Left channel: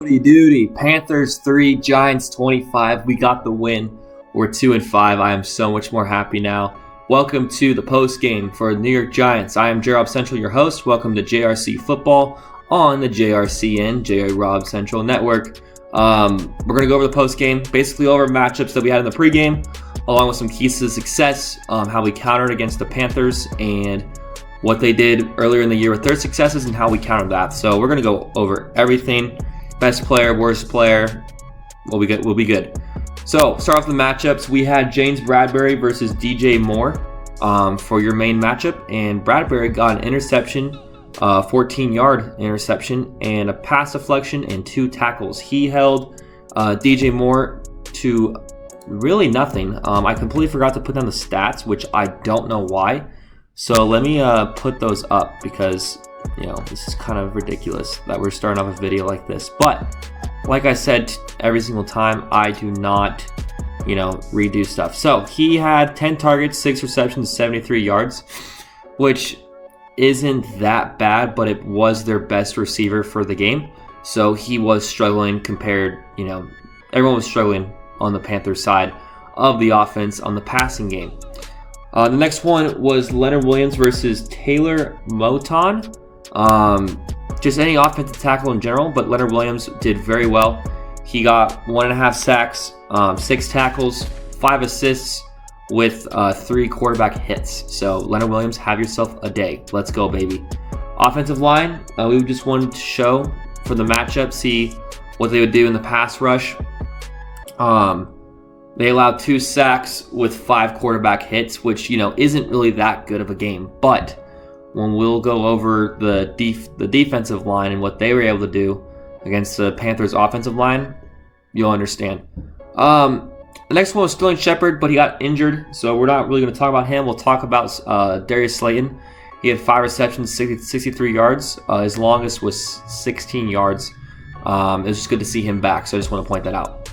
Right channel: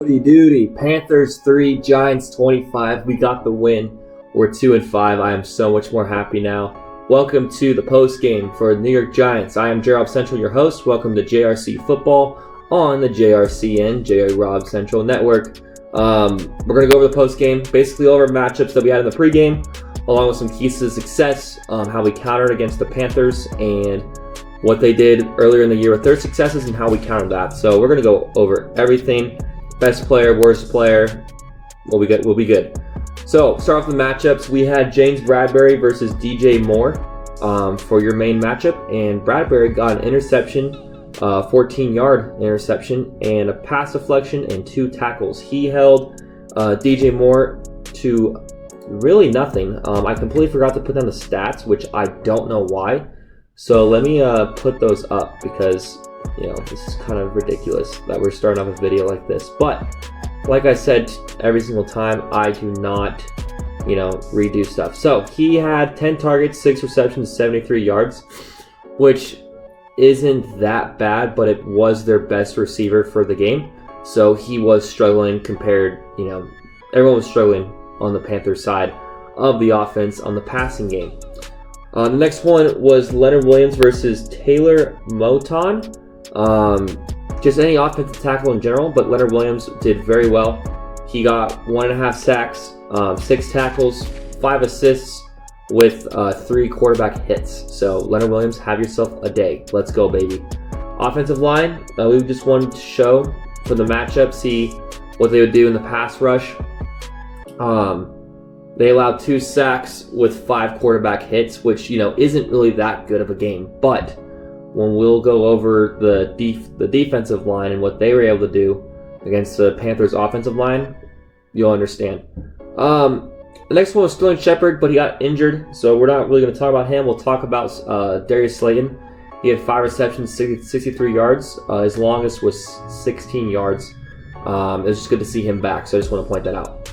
Howdy Doody, Panthers 3, Giants 25. We got the win. We're 2-5. I am so much more happy now. Welcome to the post game for the New York Giants. I am J-Rob Central, your host. Welcome to JRC Football on the JRCN, J-Rob Central Network. We're going to go over the post game, basically over matchups that we had in the pregame, along with some keys to success, how we countered against the Panthers, and what they did earlier in the year with their successes and how we countered that. So we're going to go over everything. Best player, worst player, we'll be good. So, start off the matchups. We had James Bradbury versus DJ Moore for your main matchup, and Bradbury got an interception, 14-yard interception, and a pass deflection and 2 tackles. He held DJ Moore to really nothing. I completely forgot to put down the stats, which I don't know why. So let me put those up because this is kind of ridiculous that we're starting off a video like this. But like I said, every single time I do not, redo stuff. So he had 10 targets, 6 receptions, 73 yards, which isn't that bad, but it was their best receiver for the game. So he was struggling compared, everyone was struggling on the Panthers side of the offense on the passing game. The next one was Leonard Williams versus Taylor Moton. Just any offensive tackle in general, but Leonard Williams did very well. He got 1.5 sacks, 6 tackles, 5 assists with 3 quarterback hits. So Leonard Williams, have yourself a day. Let's go, baby. Offensive line, we just wanted to show for the matchup, see what they would do in the pass rush. They allowed 2 sacks with 5 quarterback hits, which, isn't really that good of a game. But when we'll go over the defensive line and what they were able to do against the Panthers offensive line, you'll understand. The next one was Sterling Shepard, but he got injured, so we're not really going to talk about him. We'll talk about Darius Slayton. He had 5 receptions, 63 yards. His longest was 16 yards. It was just good to see him back, so I just want to point that out.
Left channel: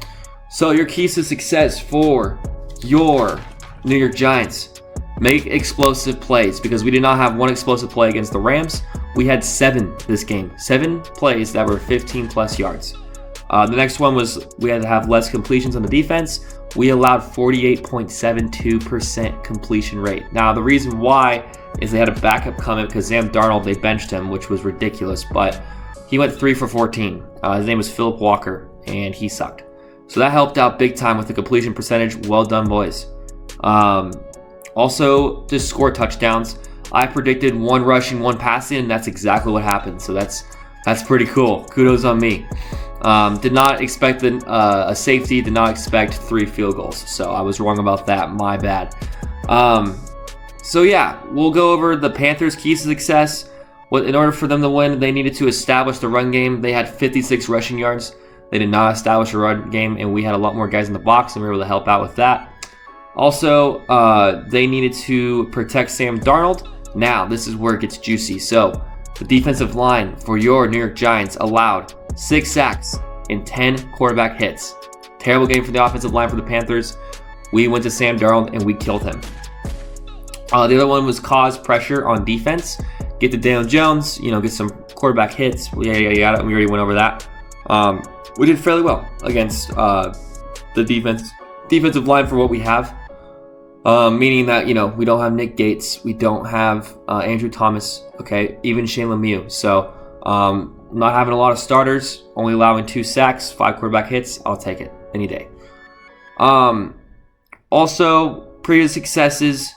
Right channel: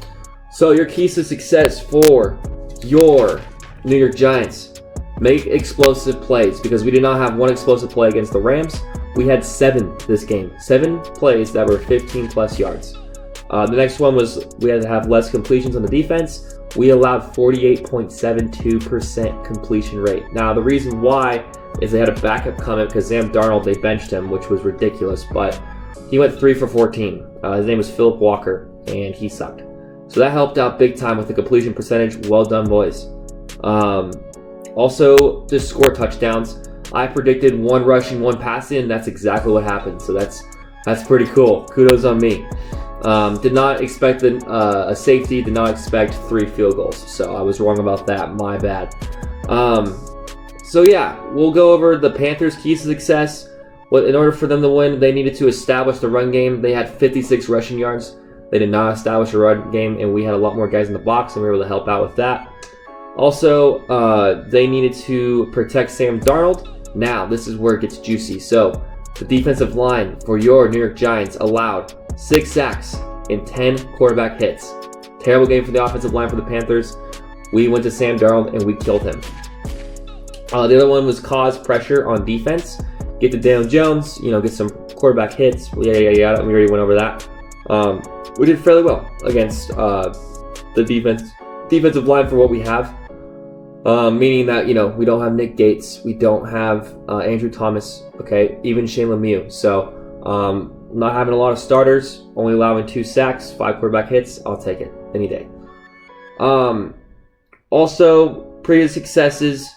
So your keys to success for your New York Giants: make explosive plays, because we did not have one explosive play against the Rams. We had 7 this game. 7 plays that were 15 plus yards. The next one was we had to have less completions on the defense. We allowed 48.72% completion rate. Now, the reason why is they had a backup coming because Sam Darnold, they benched him, which was ridiculous, but he went 3 for 14. His name was Philip Walker, and he sucked. So that helped out big time with the completion percentage. Well done, boys. Also, to score touchdowns, I predicted 1 rushing, 1 passing, and that's exactly what happened. So that's pretty cool. Kudos on me. Did not expect a safety. Did not expect 3 field goals. So I was wrong about that. My bad. So yeah, we'll go over the Panthers' keys to success. In order for them to win, they needed to establish the run game. They had 56 rushing yards. They did not establish a run game, and we had a lot more guys in the box, and we were able to help out with that. Also, they needed to protect Sam Darnold. Now, this is where it gets juicy. So, the defensive line for your New York Giants allowed 6 sacks and 10 quarterback hits. Terrible game for the offensive line for the Panthers. We went to Sam Darnold, and we killed him. The other one was cause pressure on defense. Get to Daniel Jones, get some quarterback hits. Yeah. We already went over that. We did fairly well against the defensive line for what we have. Meaning that, we don't have Nick Gates. We don't have Andrew Thomas, okay, even Shane Lemieux. So, not having a lot of starters, only allowing 2 sacks, 5 quarterback hits. I'll take it any day. Also, previous successes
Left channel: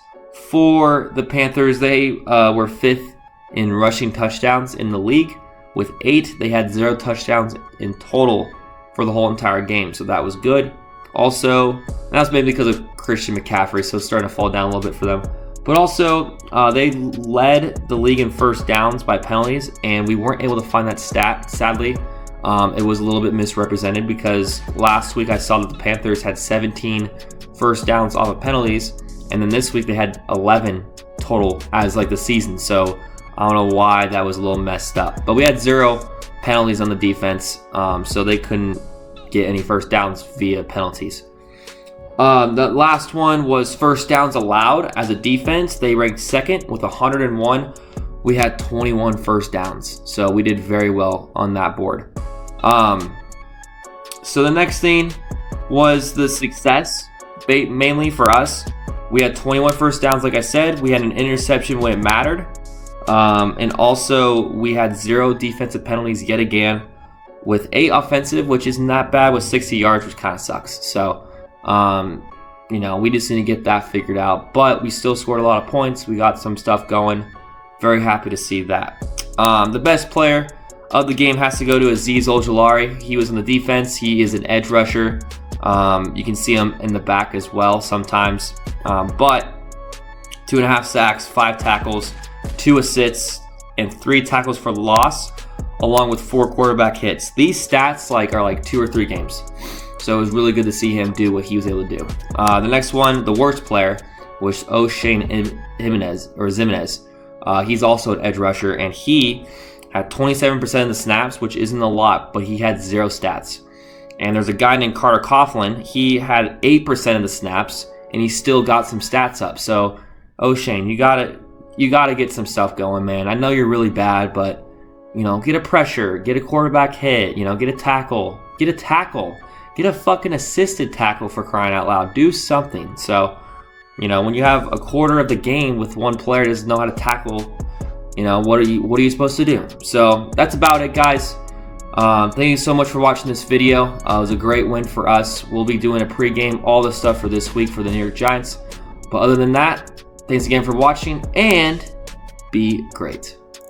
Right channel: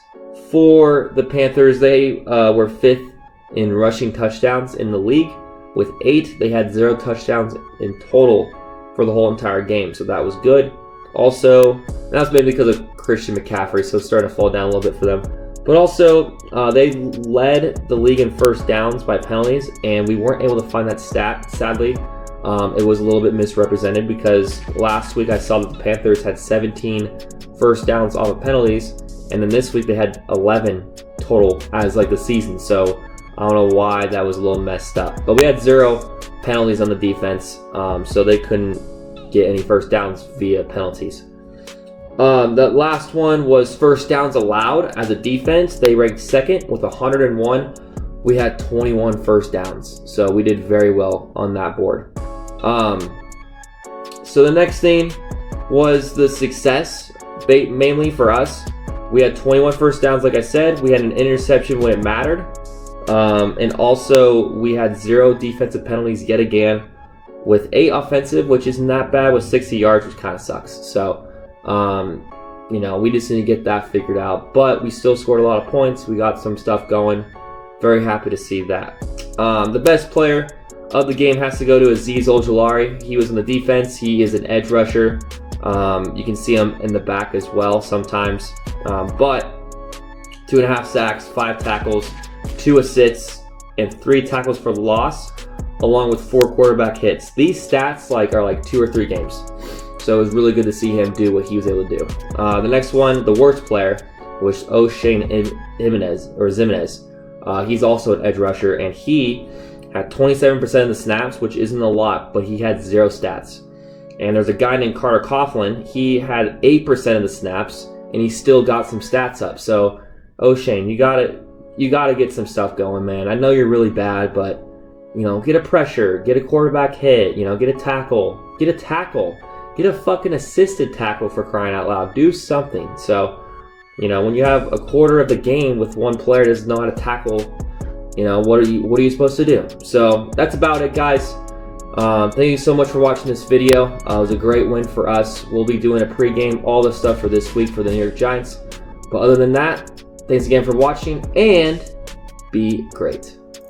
for the Panthers, they were 5th in rushing touchdowns in the league. With 8, they had 0 touchdowns in total for the whole entire game. So that was good. Also, that was maybe because of Christian McCaffrey, so it's starting to fall down a little bit for them. But also, they led the league in first downs by penalties, and we weren't able to find that stat, sadly. It was a little bit misrepresented because last week I saw that the Panthers had 17 first downs off of penalties, and then this week they had 11 total as the season. So I don't know why that was a little messed up. But we had 0 penalties on the defense, so they couldn't get any first downs via penalties. The last one was first downs allowed as a defense. They ranked 2nd with 101. We had 21 first downs, so we did very well on that board. So the next thing was the success, mainly for us. We had 21 first downs, like I said. We had an interception when it mattered. And also, we had 0 defensive penalties yet again, with 8 offensive, which isn't that bad, with 60 yards, which kind of sucks. So, we just need to get that figured out. But we still scored a lot of points. We got some stuff going. Very happy to see that. The best player of the game has to go to Azeez Ojulari. He was on the defense. He is an edge rusher. You can see him in the back as well sometimes. But 2.5 sacks, 5 tackles, 2 assists, and 3 tackles for the loss, along with 4 quarterback hits. These stats are like 2 or 3 games. So it was really good to see him do what he was able to do. The next one, the worst player, was O'Shane Zimenez. He's also an edge rusher, and he had 27% of the snaps, which isn't a lot, but he had 0 stats. And there's a guy named Carter Coughlin. He had 8% of the snaps, and he still got some stats up. So, O'Shane, you gotta get some stuff going, man. I know you're really bad, but get a pressure, get a quarterback hit, get a tackle, get a fucking assisted tackle, for crying out loud. Do something. So, when you have a quarter of the game with one player that doesn't know how to tackle, what are you supposed to do? So that's about it, guys. Thank you so much for watching this video. It was a great win for us. We'll be doing a pregame, all the stuff for this week for the New York Giants. But other than that, thanks again for watching, and be great.